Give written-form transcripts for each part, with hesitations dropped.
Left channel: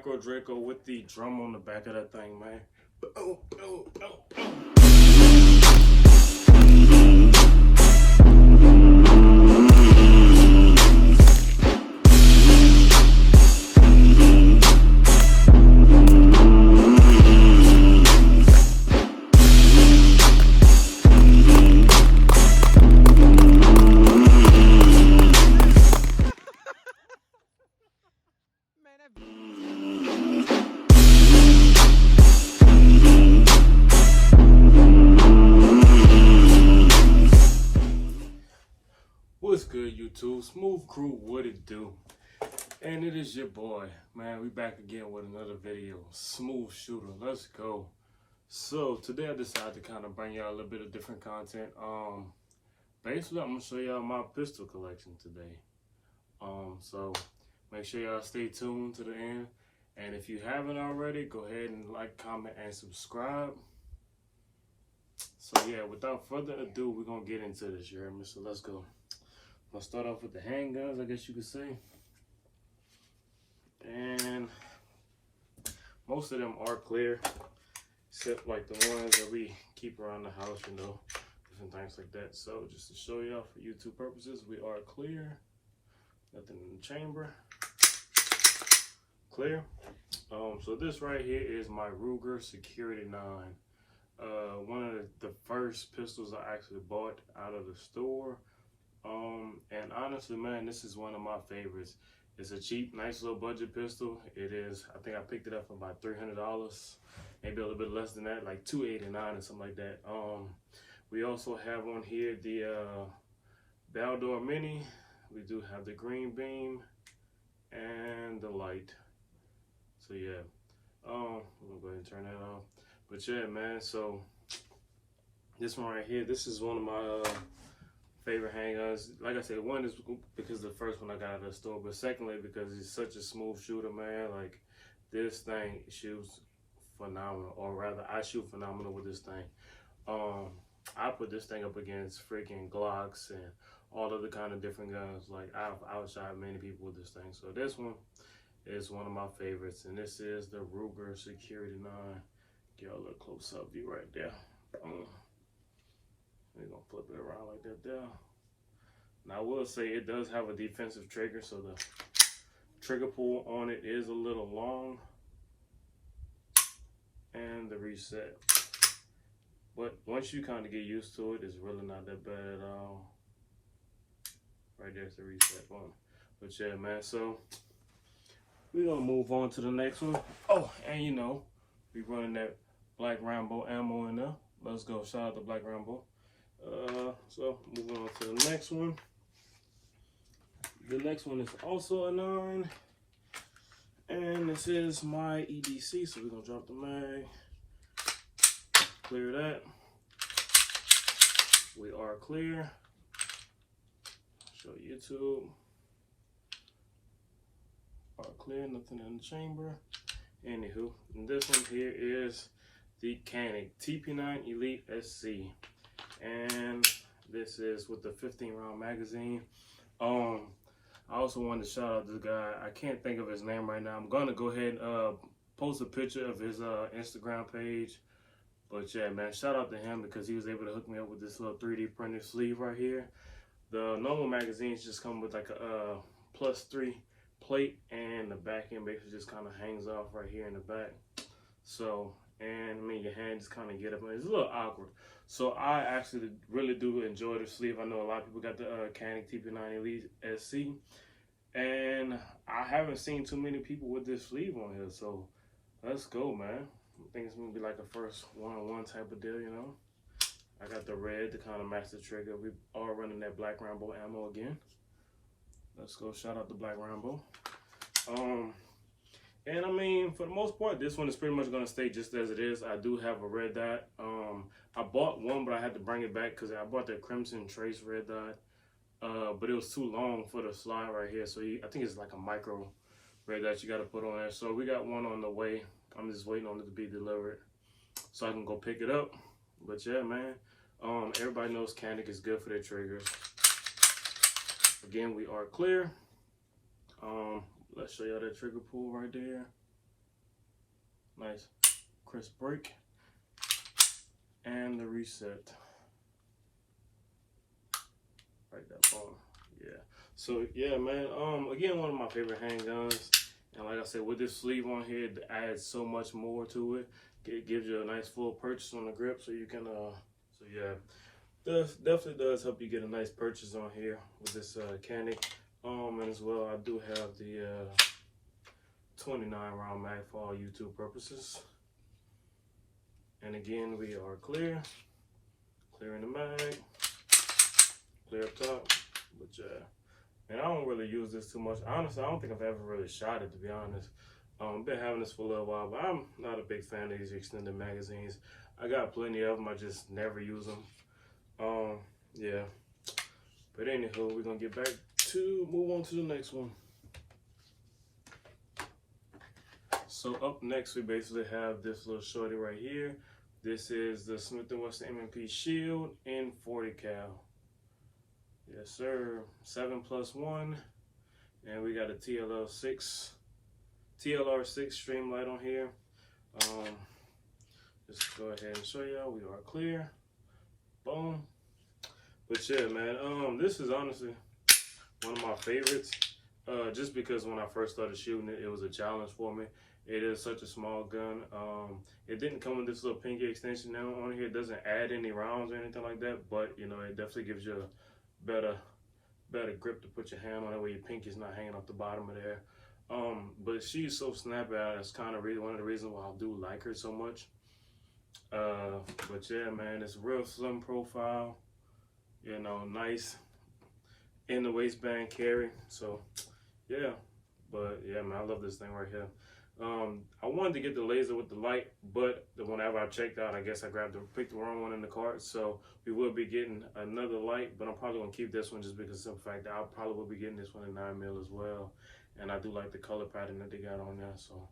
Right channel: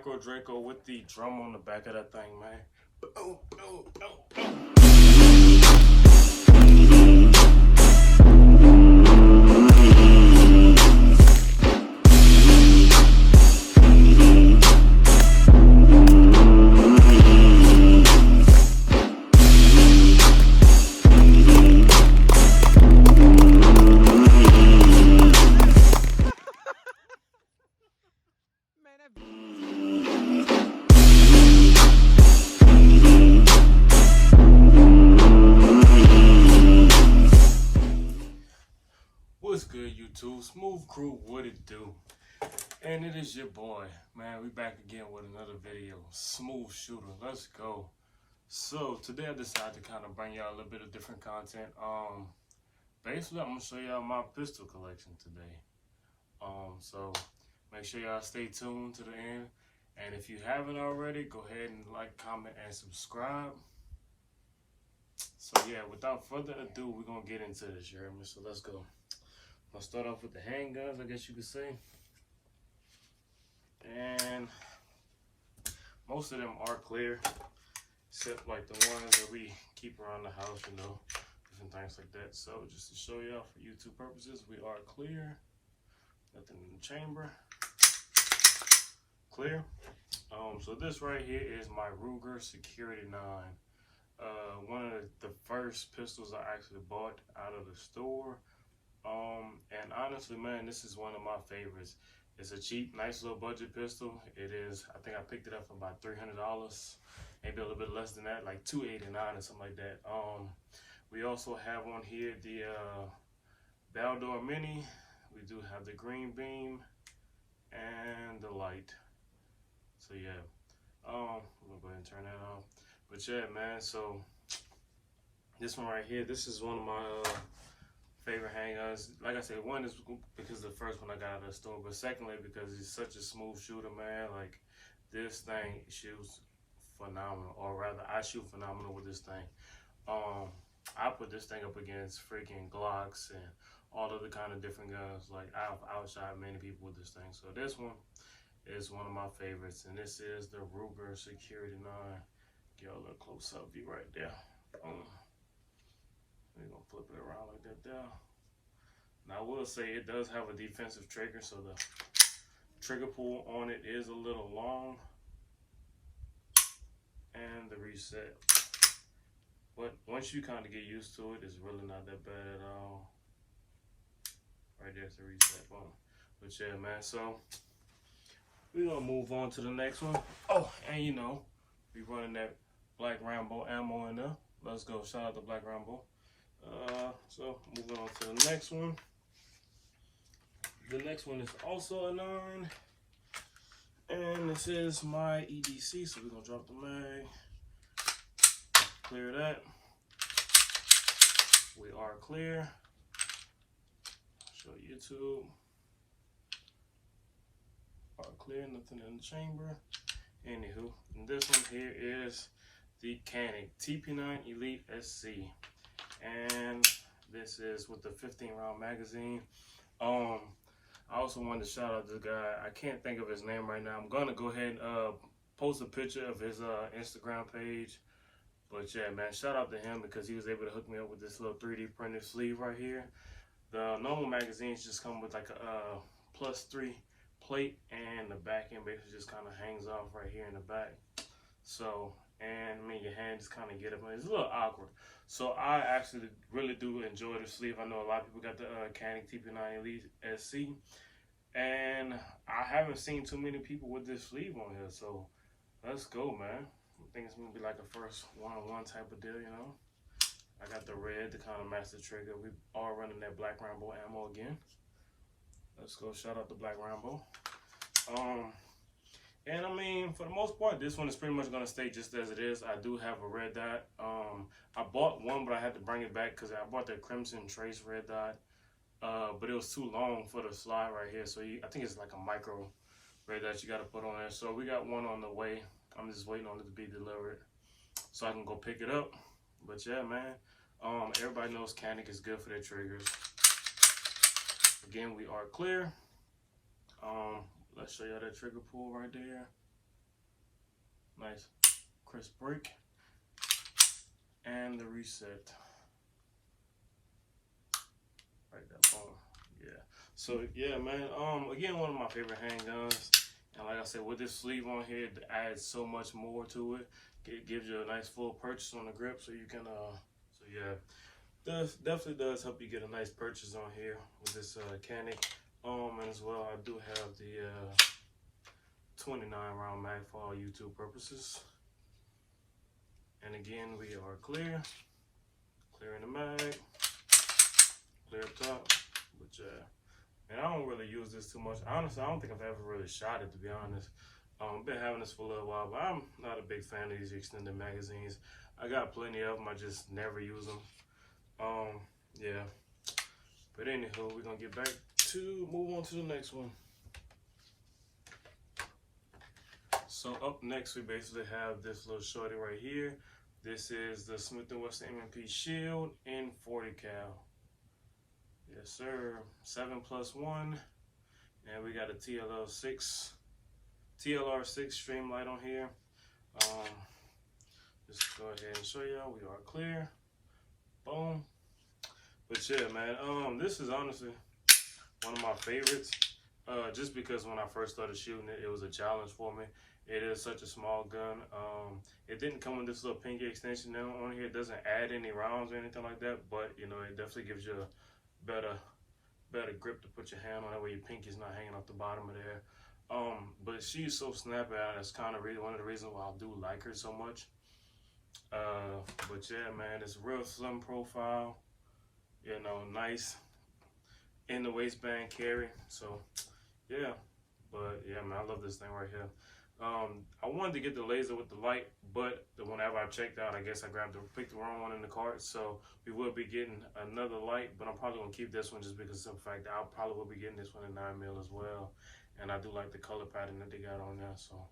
micro Draco with the drum on the back of that thing, man. What's good, YouTube? Smooth Crew, what it do? And it is your boy, man. We back again with another video. Smooth shooter, let's go. So today I decided to kind of bring y'all a little bit of different content. Basically I'm gonna show y'all my pistol collection today. So make sure y'all stay tuned to the end. And if you haven't already, go ahead and like, comment, and subscribe. So yeah, without further ado, we're gonna get into this, Jeremy. So let's go. I'll start off with the handguns, I guess you could say. And most of them are clear, except like the ones that we keep around the house, you know, different things like that. So just to show y'all for YouTube purposes, we are clear. Nothing in the chamber. Clear. So this right here is my Ruger Security 9. One of the first pistols I actually bought out of the store. And honestly, man, this is one of my favorites. It's a cheap, nice little budget pistol. It is, I think I picked it up for about $300, maybe a little bit less than that, like $289 or something like that. We also have on here the Baldor Mini. We do have the green beam and the light. So yeah, I'm gonna go ahead and turn that off. But yeah, man, so this one right here, this is one of my favorite handguns. Like I said, one is because the first one I got out of the store, but secondly because it's such a smooth shooter, man. Like, this thing shoots phenomenal, or rather I shoot phenomenal with this thing. I put this thing up against freaking Glocks and all other kind of different guns. Like, I've outshot many people with this thing. So this one is one of my favorites, and this is the Ruger Security 9. Get a little close up view right there. We're gonna flip it around like that there. Now I will say it does have a defensive trigger, so the trigger pull on it is a little long. And the reset. But once you kind of get used to it, it's really not that bad at all. Right there's the reset button. But yeah, man, so we're gonna move on to the next one. Oh, and you know, we running that Black Rambo ammo in there. Let's go. Shout out to Black Rambo. So moving on to the next one. The next one is also a 9, and this is my EDC. So we're gonna drop the mag, clear that. We are clear. Show YouTube. Are clear, nothing in the chamber. Anywho, and this one here is the Canik TP9 Elite SC. And this is with the 15-round magazine. I also wanted to shout out this guy. I can't think of his name right now. I'm gonna go ahead and post a picture of his Instagram page. But yeah, man, shout out to him because he was able to hook me up with this little 3D printed sleeve right here. The normal magazines just come with like a +3 plate, and the back end basically just kind of hangs off right here in the back. So, and I mean, your hand just kind of get up, and it's a little awkward. So I actually really do enjoy the sleeve. I know a lot of people got the Canik TP9 Elite SC, and I haven't seen too many people with this sleeve on here. So let's go, man. I think it's gonna be like a first one-on-one type of deal, you know. I got the red to kind of match the trigger. We are running that Black Rambo ammo again. Let's go. Shout out to Black Rambo. And I mean, for the most part, this one is pretty much going to stay just as it is. I do have a red dot. I bought one, but I had to bring it back because I bought that Crimson Trace red dot. But it was too long for the slide right here. So I think it's like a micro red dot you got to put on there. So we got one on the way. I'm just waiting on it to be delivered so I can go pick it up. But yeah, man, everybody knows Canik is good for their triggers. Again, we are clear. Let's show y'all that trigger pull right there. Nice crisp break. And the reset. Right there, boom. Yeah. So yeah, man. Again, one of my favorite handguns. And like I said, with this sleeve on here, it adds so much more to it. It gives you a nice full purchase on the grip, so you can. So yeah, definitely does help you get a nice purchase on here with this Canik. And as well, I do have the 29 round mag for all YouTube purposes. And again, we are clear. Clearing the mag. Clear up top. But yeah, and I don't really use this too much. Honestly, I don't think I've ever really shot it, to be honest. I've been having this for a little while, but I'm not a big fan of these extended magazines. I got plenty of them, I just never use them. Yeah. But anywho, we're gonna get back to move on to the next one. So up next, we basically have this little shorty right here. This is the Smith & Wesson M&P Shield in 40 cal. Yes, sir. 7+1, and we got a TLR6 streamlight on here. Just go ahead and show y'all we are clear. Boom. But yeah, man, this is honestly one of my favorites. Just because when I first started shooting it, it was a challenge for me. It is such a small gun. It didn't come with this little pinky extension now on here. It doesn't add any rounds or anything like that, but you know, it definitely gives you a better grip to put your hand on. That way your pinky's not hanging off the bottom of there. But she's so snappy. That's kind of really one of the reasons why I do like her so much. But yeah, man, it's a real slim profile. You know, nice in the waistband carry. So yeah, but yeah, man, I love this thing right here. I wanted to get the laser with the light, but whenever I checked out, I guess I picked the wrong one in the cart. So we will be getting another light, but I'm probably gonna keep this one just because of the fact that I probably will be getting this one in 9mm as well. And I do like the color pattern that they got on there. So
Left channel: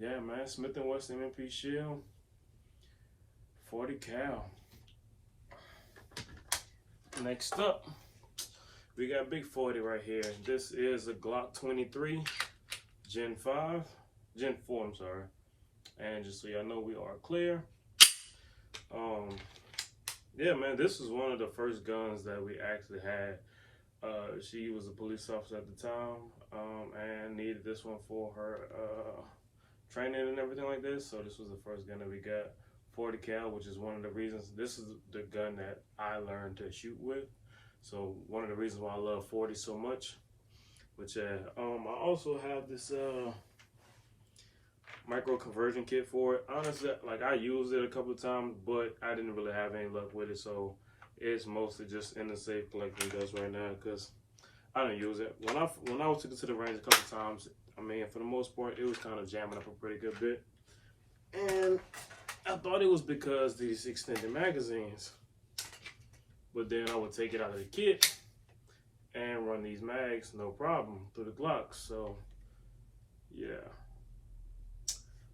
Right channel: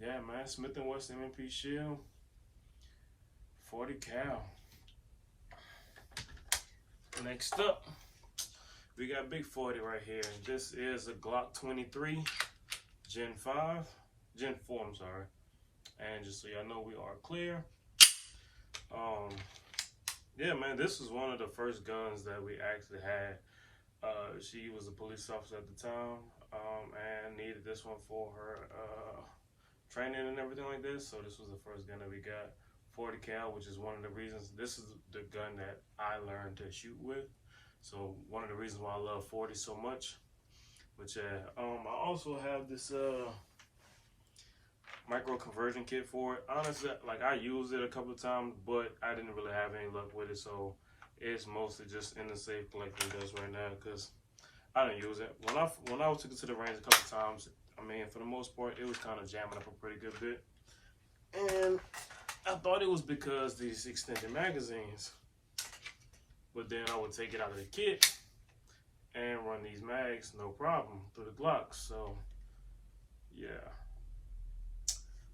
yeah, man, Smith & Wesson M&P Shield, 40 cal. Next up, we got Big 40 right here. This is a Glock 23 Gen 4, I'm sorry. And just so y'all know, we are clear. Yeah, man, this was one of the first guns that we actually had. She was a police officer at the time, and needed this one for her training and everything like this. So this was the first gun that we got, 40 cal, which is one of the reasons. This is the gun that I learned to shoot with. So one of the reasons why I love 40 so much. But yeah, I also have this micro conversion kit for it. Honestly, like, I used it a couple of times, but I didn't really have any luck with it. So it's mostly just in the safe collecting dust right now because I didn't use it. When I took it to the range a couple of times, I mean, for the most part, it was kind of jamming up a pretty good bit. And I thought it was because these extended magazines, but then I would take it out of the kit and run these mags no problem through the Glocks. So yeah.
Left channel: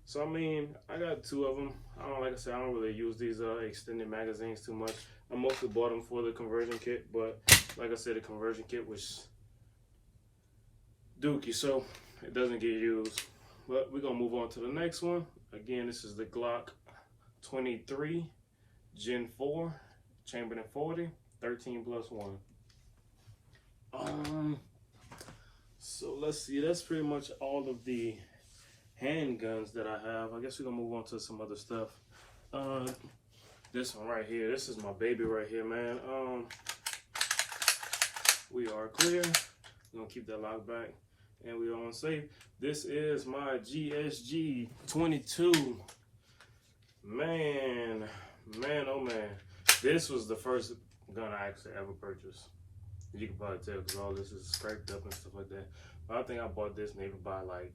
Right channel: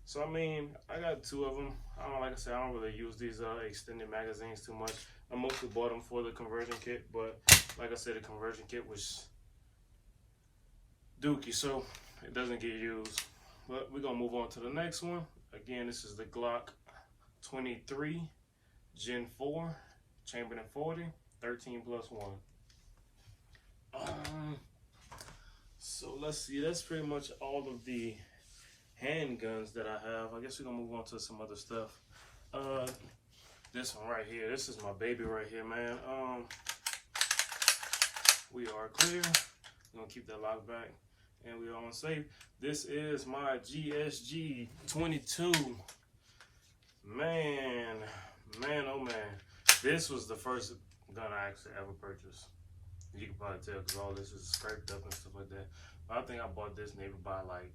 So I mean, I got two of them. Like I said, I don't really use these extended magazines too much. I mostly bought them for the conversion kit, but like I said, the conversion kit was dookie, so it doesn't get used. But we're gonna move on to the next one. Again, this is the Glock 23 Gen 4, chambered in 40, 13+1. So let's see, that's pretty much all of the handguns that I have. I guess we're gonna move on to some other stuff. This one right here, this is my baby right here, man. We are clear. We're gonna keep that lock back, and we are on safe. This is my GSG 22. Man, oh man. This was the first gun I actually ever purchased. You can probably tell because all this is scraped up and stuff like that. But I think I bought this maybe by like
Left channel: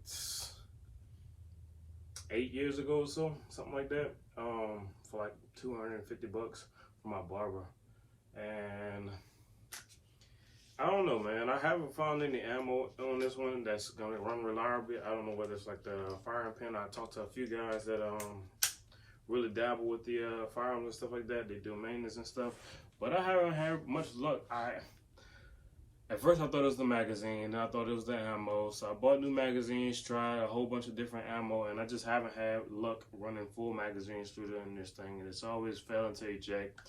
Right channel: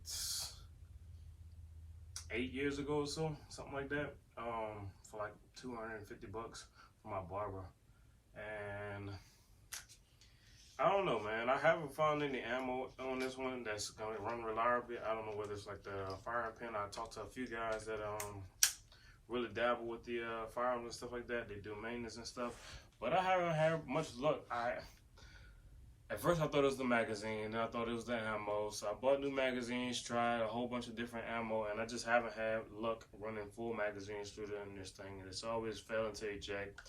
8 years ago or so, something like that. For like $250 from my barber. And I don't know, man. I haven't found any ammo on this one that's gonna run reliably. I don't know whether it's like the firing pin. I talked to a few guys that really dabble with the firearms and stuff like that. They do maintenance and stuff, but I haven't had much luck. At first I thought it was the magazine, and I thought it was the ammo. So I bought new magazines, tried a whole bunch of different ammo, and I just haven't had luck running full magazines through this thing. And it's always failing to eject,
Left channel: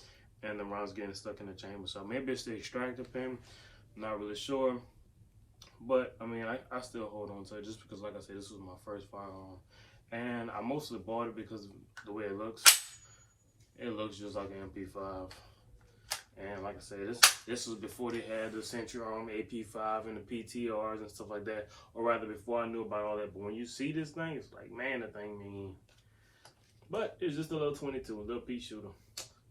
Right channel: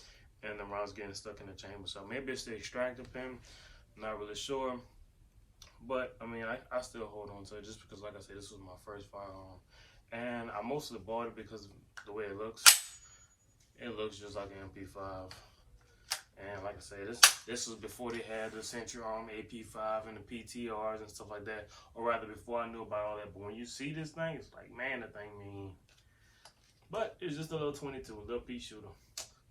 and the rounds getting stuck in the chamber. So maybe it's the extractor pin, not really sure. But I mean, I still hold on to it just because, like I said, this was my first firearm. And I mostly bought it because of the way it looks. It looks just like an MP5. And like I said, this was before they had the Century Arm AP5 and the PTRs and stuff like that. Or rather, before I knew about all that. But when you see this thing, it's like, man, the thing mean. But it's just a little 22, a little pea shooter.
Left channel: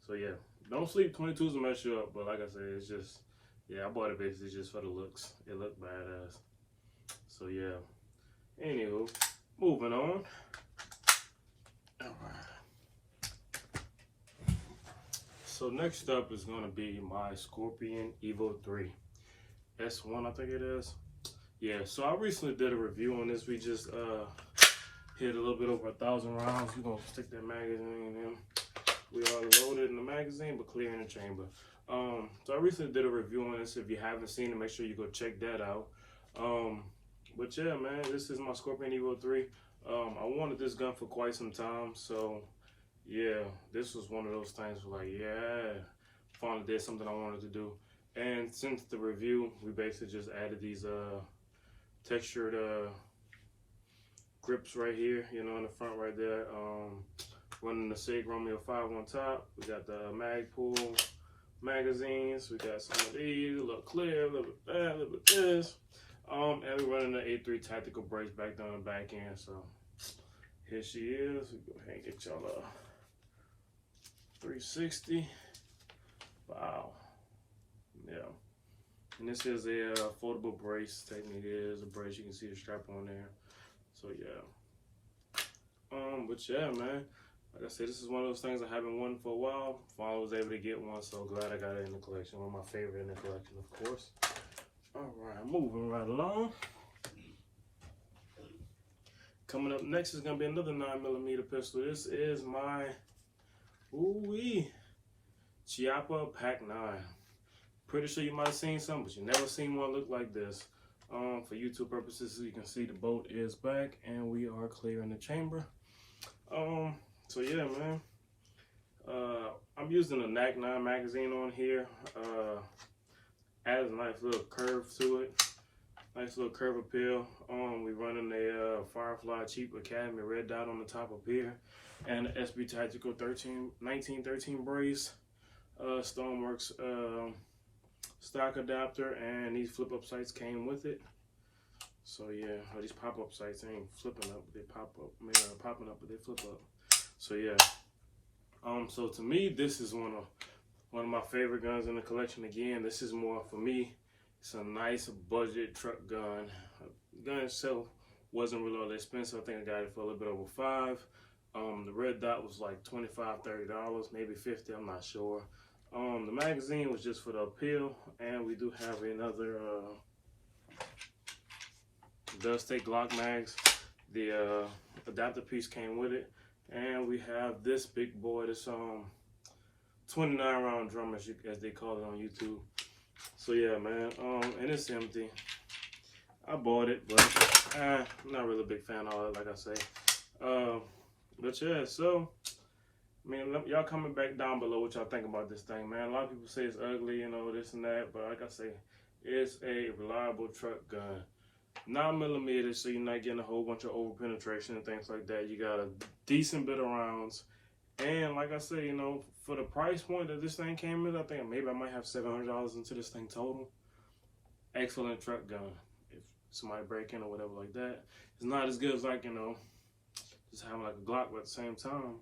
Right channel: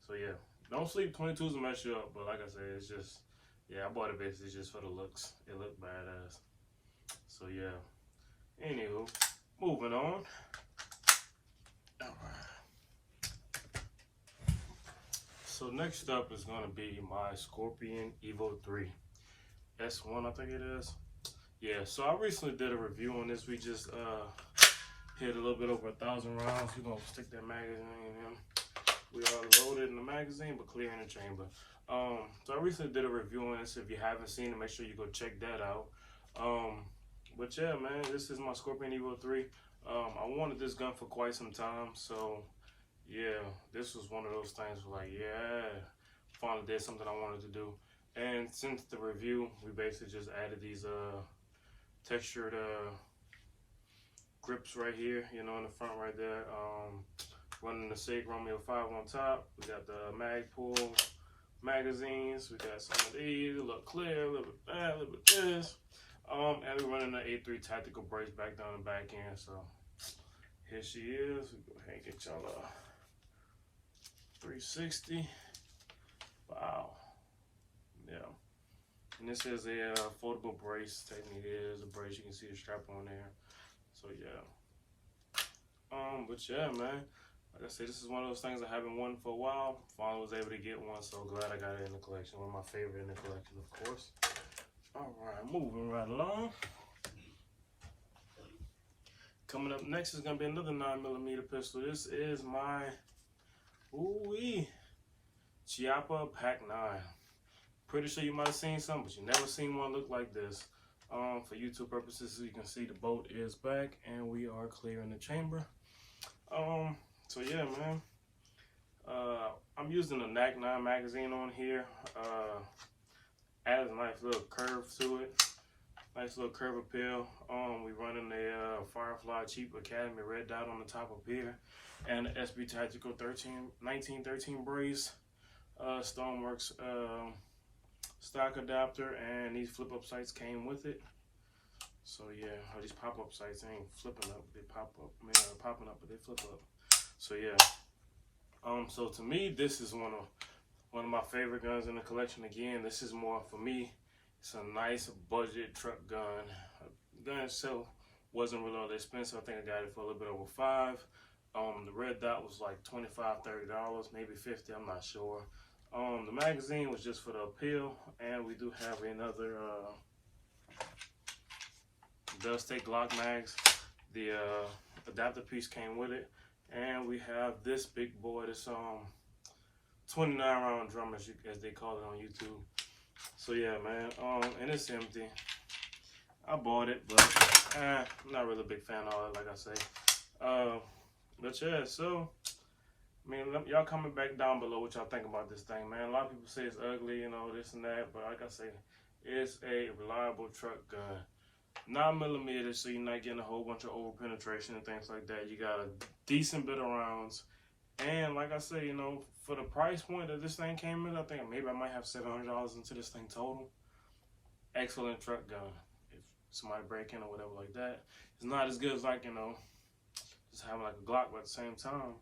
So yeah, don't sleep. 22s will mess you up. But like I said, it's just, yeah, I bought it basically just for the looks. It looked badass. So yeah. Anywho, moving on. So next up is going to be my Scorpion Evo 3 S1, I think it is. Yeah, so I recently did a review on this. We just hit a little bit over 1,000 rounds. We're going to stick that magazine in. We are loaded in the magazine, but clear in the chamber. So I recently did a review on this. If you haven't seen it, make sure you go check that out. But yeah, man, this is my Scorpion Evo 3. I wanted this gun for quite some time, so yeah, this was one of those things where like, yeah, finally did something I wanted to do. And since the review, we basically just added these textured grips right here, you know, in the front right there. Running the SIG Romeo 5 on top. We got the Magpul magazines. We got some of these, a little clear, a little bit that, a little bit this. And we're running the A3 tactical brakes back down the back end. So here she is. We go ahead and get y'all a 360. Wow. Yeah. And this is a foldable brace. Technically, it is a brace. You can see the strap on there. So yeah. But yeah, man. Like I said, this is one of those things I haven't wanted for a while. Finally was able to get one, so glad I got it in the collection. One of my favorite in the collection, of course. All right, moving right along. Coming up next is gonna be another 9mm pistol. This is my Chiappa Pak-9. Pretty sure you might have seen some, but you never seen one look like this. For YouTube purposes, you can see the bolt is back and we are clear in the chamber. So yeah, man. I'm using a NAC 9 magazine on here. Adds a nice little curve to it. Nice little curve appeal. We running a Firefly Cheap Academy red dot on the top up here. And the SB Tactical 1913 brace. Stoneworks stock adapter, and these flip up sights came with it. So yeah, these pop up sights ain't flipping up, they pop up. I mean, popping up, but they flip up. So yeah. So to me, this is one of my favorite guns in the collection. Again, this is more for me. It's a nice budget truck gun. The gun itself wasn't really all that expensive. I think I got it for a little bit over $5. The red dot was like $25, $30, maybe $50. I'm not sure. The magazine was just for the appeal, and we do have another does take Glock mags. The adapter piece came with it, and we have this big boy. This 29 round drum, as they call it on YouTube. So yeah, man. And it's empty. I bought it, but I'm not really a big fan of it, like I say. But yeah, so I mean, y'all comment back down below what y'all think about this thing, man. A lot of people say it's ugly, you know, this and that, but like I say, it's a reliable truck gun. 9mm, so you're not getting a whole bunch of over penetration and things like that. You got a decent bit of rounds, and like I say, you know, for the price point that this thing came in, I think maybe I might have $700 into this thing total. Excellent truck gun. If somebody break in or whatever like that, it's not as good as, like, you know, just having like a Glock, but at the same time,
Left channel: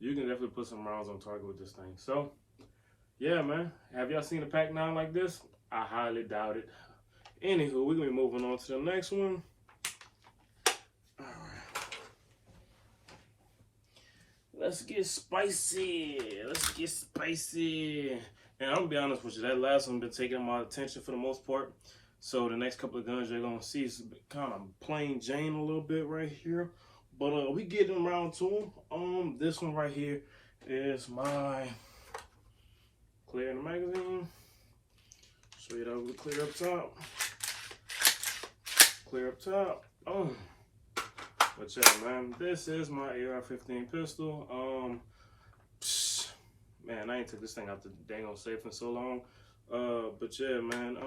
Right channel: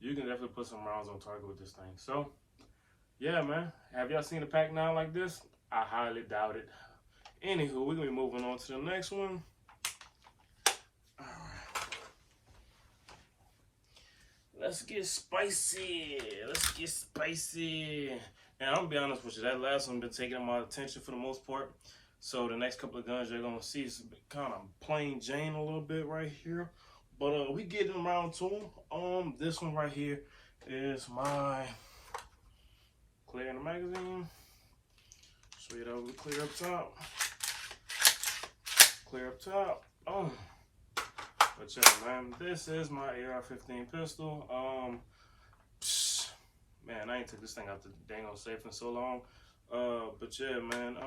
you can definitely put some rounds on target with this thing. So, yeah, man. Have y'all seen a Pak-9 like this? I highly doubt it. Anywho, we're going to be moving on to the next one. All right. Let's get spicy. Let's get spicy. And I'm going to be honest with you, that last one been taking my attention for the most part. So the next couple of guns you're going to see is kind of plain Jane a little bit right here. But we getting around to them. This one right here is my clear in the magazine. Show you that we clear up top. Clear up top. But yeah, man, this is my AR-15 pistol. Man, I ain't took this thing out the dang old safe in so long. But yeah, man,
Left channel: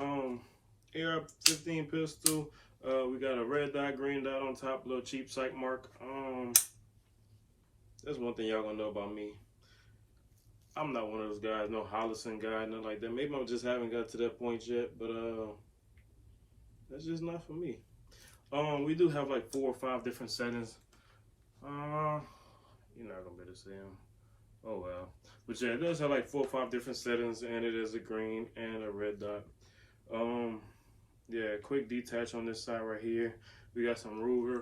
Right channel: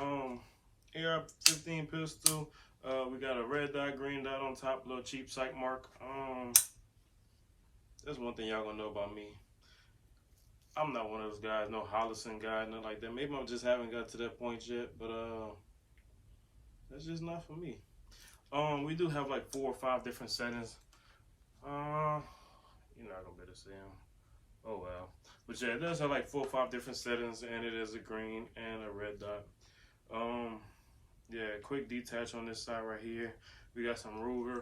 AR-15 pistol. We got a red dot, green dot on top, little cheap sight mark. That's one thing y'all gonna know about me. I'm not one of those guys, no Hollison guy, nothing like that. Maybe I just haven't got to that point yet, but that's just not for me. We do have like 4 or 5 different settings. You're not gonna be able to see them. Oh well. But yeah, it does have like 4 or 5 different settings, and it is a green and a red dot. Yeah, quick detach on this side right here. We got some Ruger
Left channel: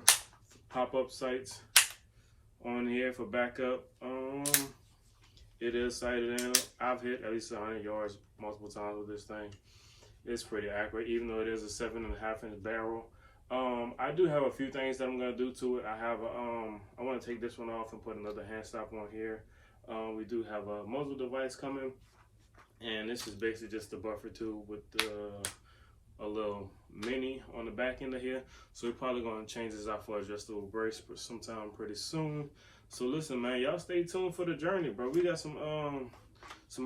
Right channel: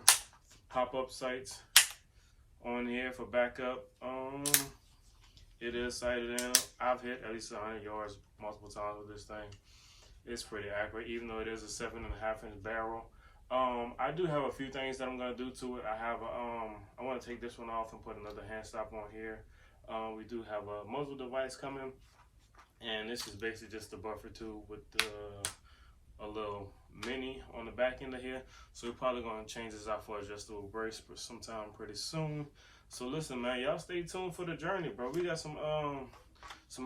pop-up sights on here for backup. It is sighted in. I've hit at least 100 yards multiple times with this thing. It's pretty accurate, even though it is a 7.5-inch barrel. I do have a few things that I'm gonna do to it. I want to take this one off and put another hand stop on here. We do have a muzzle device coming, and this is basically just a buffer tube with a little mini on the back end of here. So we're probably gonna change this out for adjustable brace for sometime pretty soon. So listen, man, y'all stay tuned for the journey, bro. We got some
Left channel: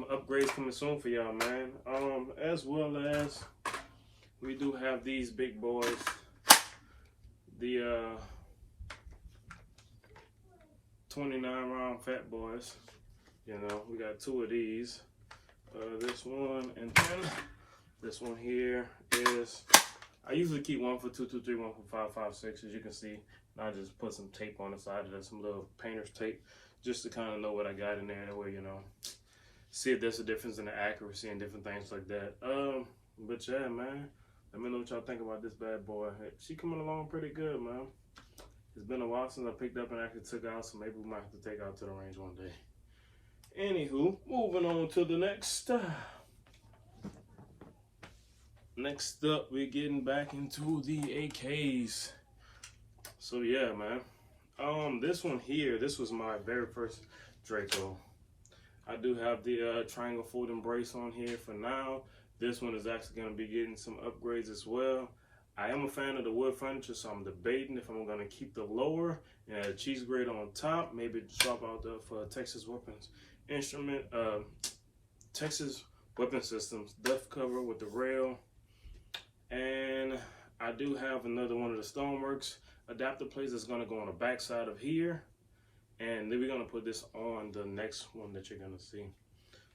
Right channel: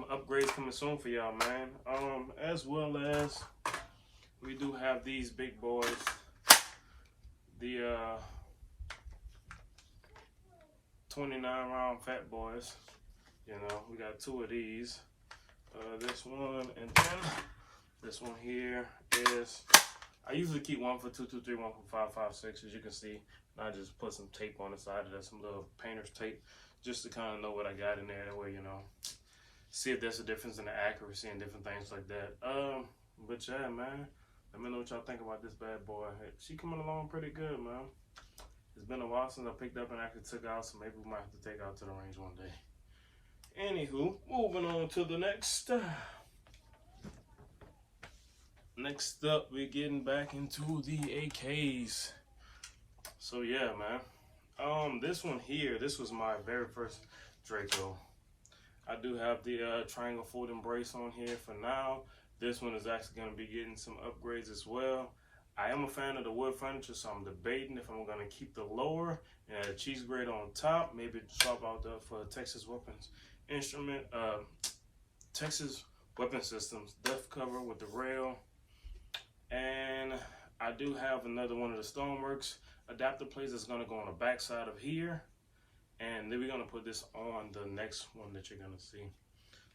upgrades coming soon for y'all, man. As well as we do have these big boys, the 29 round fat boys. You know, we got 2 of these. This one, and then this one here is, I usually keep one for 223, one for 556, as you can see. I just put some tape on the side of that, some little painter's tape, just to kind of know what I got in there, that way, you know, see if there's a difference in the accuracy and different things like that. But yeah, man, let me know what y'all think about this bad boy. She coming along pretty good, man. It's been a while since I picked up and actually took out, so maybe we might have to take out to the range one day. Anywho, moving on to the next. Next up, we're getting back into the AKs. So yeah, man. This one here, this was my very first Draco. I do have the triangle folding brace on here for now. This one is actually going to be getting some upgrades as well. I am a fan of the wood furniture, so I'm debating if I'm going to keep the lower and add a cheese grate on top. Maybe swap out for Texas Weapons Instrument, Texas Weapon Systems depth cover with the rail. And I do have another one of the Stoneworks adapter plates that's going to go on the back side of here, and then we're going to put this on the next one that you're going to see.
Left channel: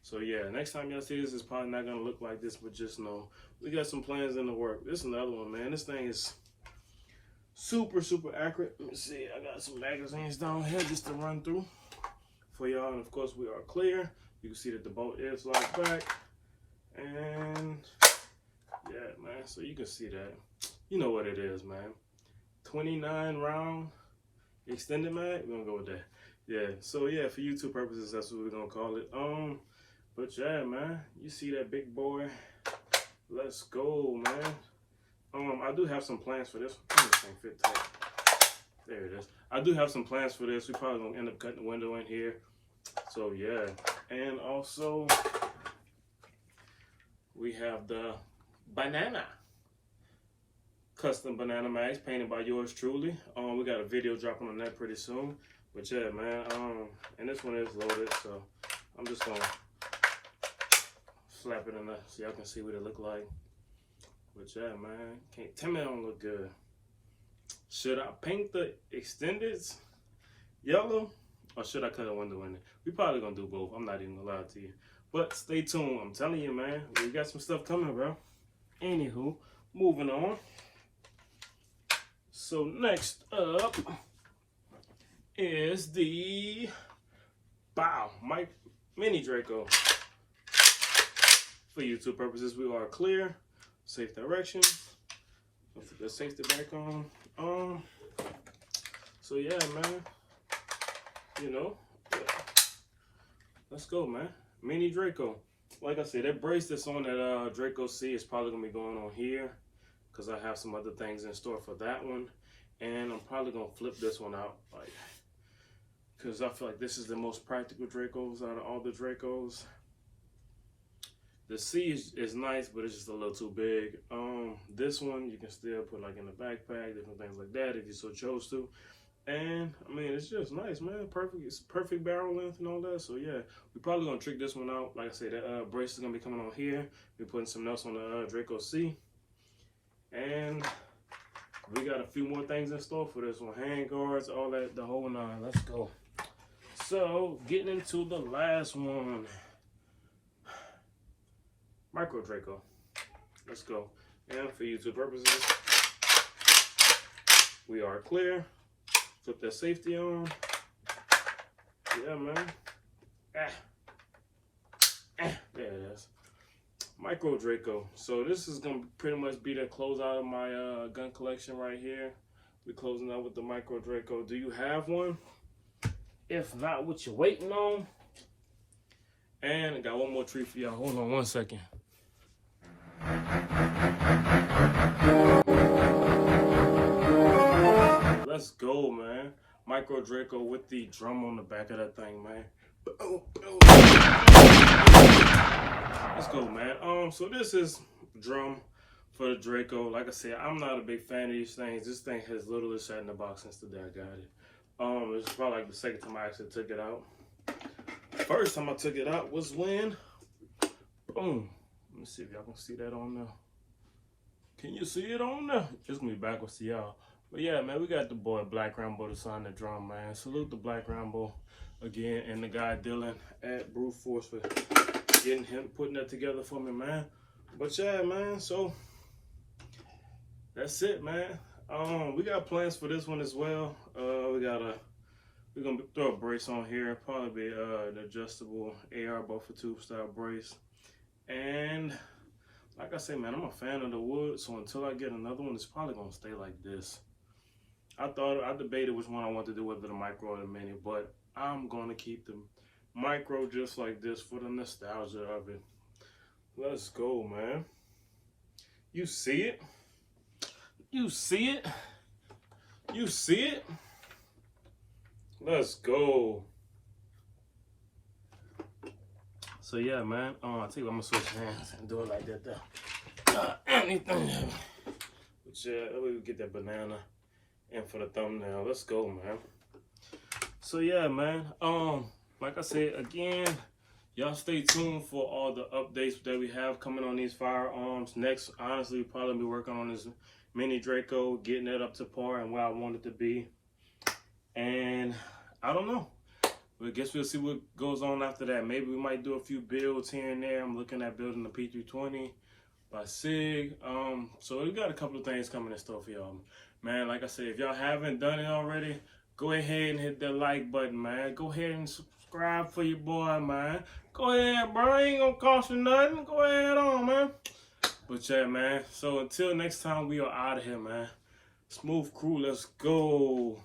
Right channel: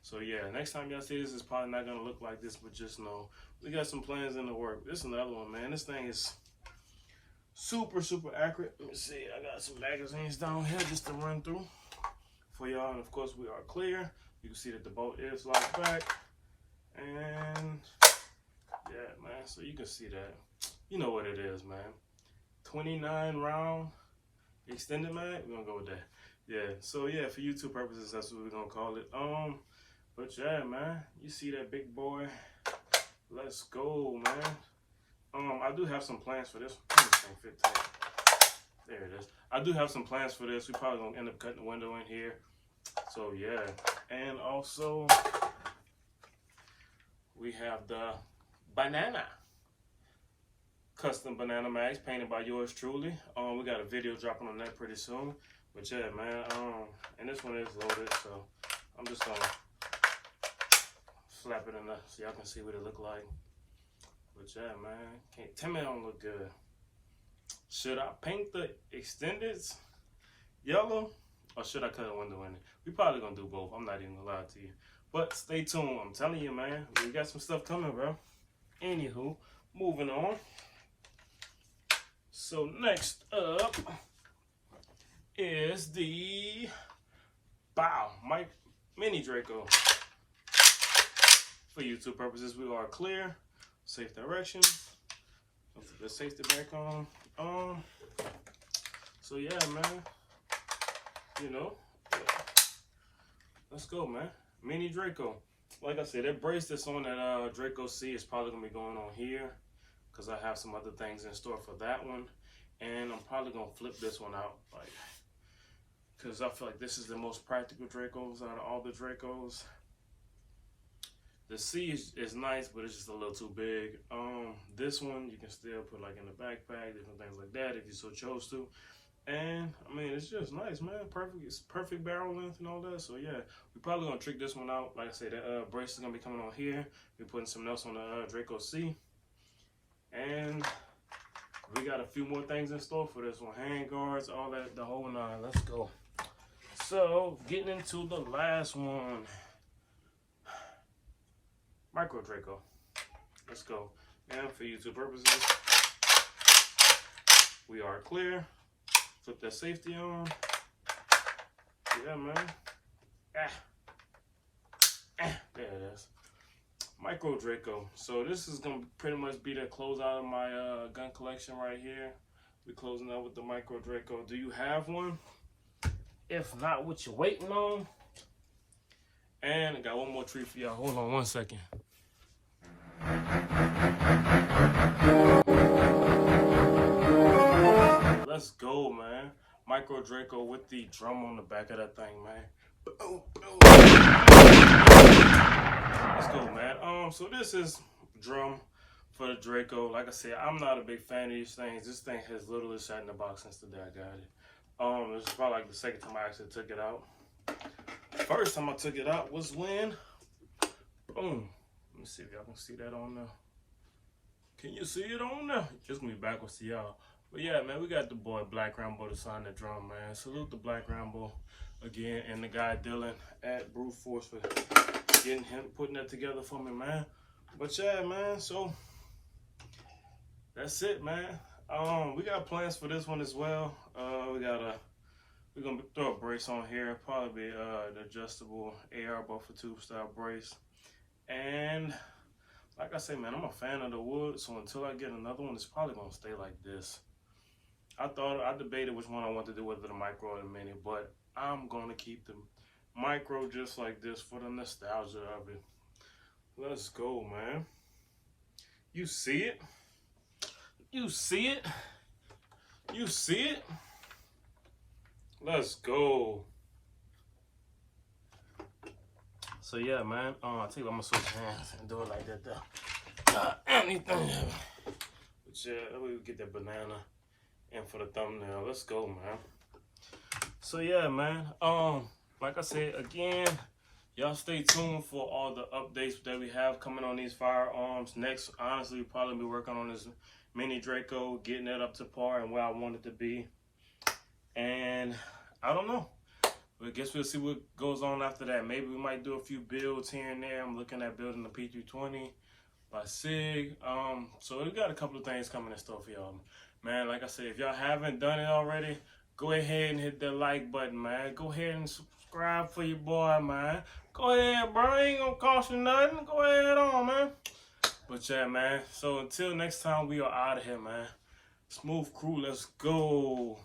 So yeah, next time y'all see this, it's probably not going to look like this, but just know we got some plans in the work. This is another one, man. This thing is super accurate. Let me see, I got some magazines down here just to run through for y'all, and of course we are clear. You can see that the bolt is locked back, and yeah, man, so you can see that. You know what it is, man. 29 round extended mag, we're gonna go with that. Yeah, so yeah, for YouTube purposes, that's what we're gonna call it. But yeah, man, you see that big boy. Let's go, man. I do have some plans for this. This thing fit tight. There it is. I do have some plans for this. We're probably gonna end up cutting the window in here. So yeah, and also we have the banana. Custom banana mags painted by yours truly. We got a video dropping on that pretty soon. But yeah, man, and this one is loaded, so I'm just gonna slap it in there so y'all can see what it look like. But yeah, man, can't tell me it don't look good. Should I paint the extendeds yellow, or should I cut a window in it? We probably gonna do both. I'm not even gonna lie to you. But stay tuned. I'm telling you, man, we got some stuff coming, bro. Anywho, moving on. So next up is the Mini Draco. For YouTube purposes, we are clear. Safe direction. Let's put the safety back on. So yeah, man. You know, yeah. Let's go, man. Mini Draco. Like I said, that brace that's on that Draco C is probably gonna be going on here, because I have some other things in store for that one. And I'm probably gonna flip this one out, like, because I feel like this is the most practical Dracos out of all the Dracos. The C is nice, but it's just a little too big. This one you can still put like in the backpack, different things like that if you so chose to. And I mean, it's just nice, man. Perfect, it's perfect barrel length and all that. So yeah, we're probably gonna trick this one out. Like I said, that brace is gonna be coming on here. We're putting something else on the Draco C, and we got a few more things in store for this one. Hand guards, all that, the whole nine. Let's go. So getting into the last one, micro Draco. Let's go. And for YouTube purposes, we are clear. Flip that safety on. Yeah, man. There it is. Micro Draco. So this is gonna pretty much be the close out of my gun collection right here. We're closing out with the Micro Draco. Do you have one? If not, what you waiting on? And I got one more treat for y'all. Hold on one second. Let's go, man. Micro Draco with the drum on the back of that thing, man. Let's go, man. So this is drum for the Draco. Like I said, I'm not a big fan of these things. This thing has literally sat in the box since the day I got it. This is probably like the second time I actually took it out. First time I took it out was when, boom. Let me see if y'all can see that on there. Can you see it on there? It's gonna be backwards to y'all. But yeah, man, we got the boy Black Rambo to sign the drum, man. Salute the Black Rambo again, and the guy Dylan at Brute Force for putting that together for me, man. But yeah, man, so that's it, man. We got plans for this one as well. We're gonna throw a brace on here, probably be an adjustable AR buffer tube style brace. And like I say, man, I'm a fan of the wood, so until I get another one, it's probably gonna stay like this. I debated which one I want to do, whether the micro or the mini, but I'm gonna keep the micro just like this for the nostalgia of it. Let's go, man. You see it? You see it? You see it? Let's go. So yeah, man. I think I'm gonna switch hands and do it like that though. Anything. But yeah, that way we get that banana. And for the thumbnail, let's go, man. So yeah, man. Like I said again, y'all stay tuned for all the updates that we have coming on these firearms. Next, honestly, we'll probably be working on this mini Draco, getting it up to par and where I want it to be. And I don't know. But I guess we'll see what goes on after that. Maybe we might do a few builds here and there. I'm looking at building the P320 by SIG. So we got a couple of things coming in store for y'all. Man, like I said, if y'all haven't done it already, go ahead and hit that like button, man. Go ahead and subscribe for your boy, man. Go ahead, bro. Ain't gonna cost you nothing. Go ahead on, man. But yeah, man. So until next time, we are out of here, man. Smooth crew, let's go.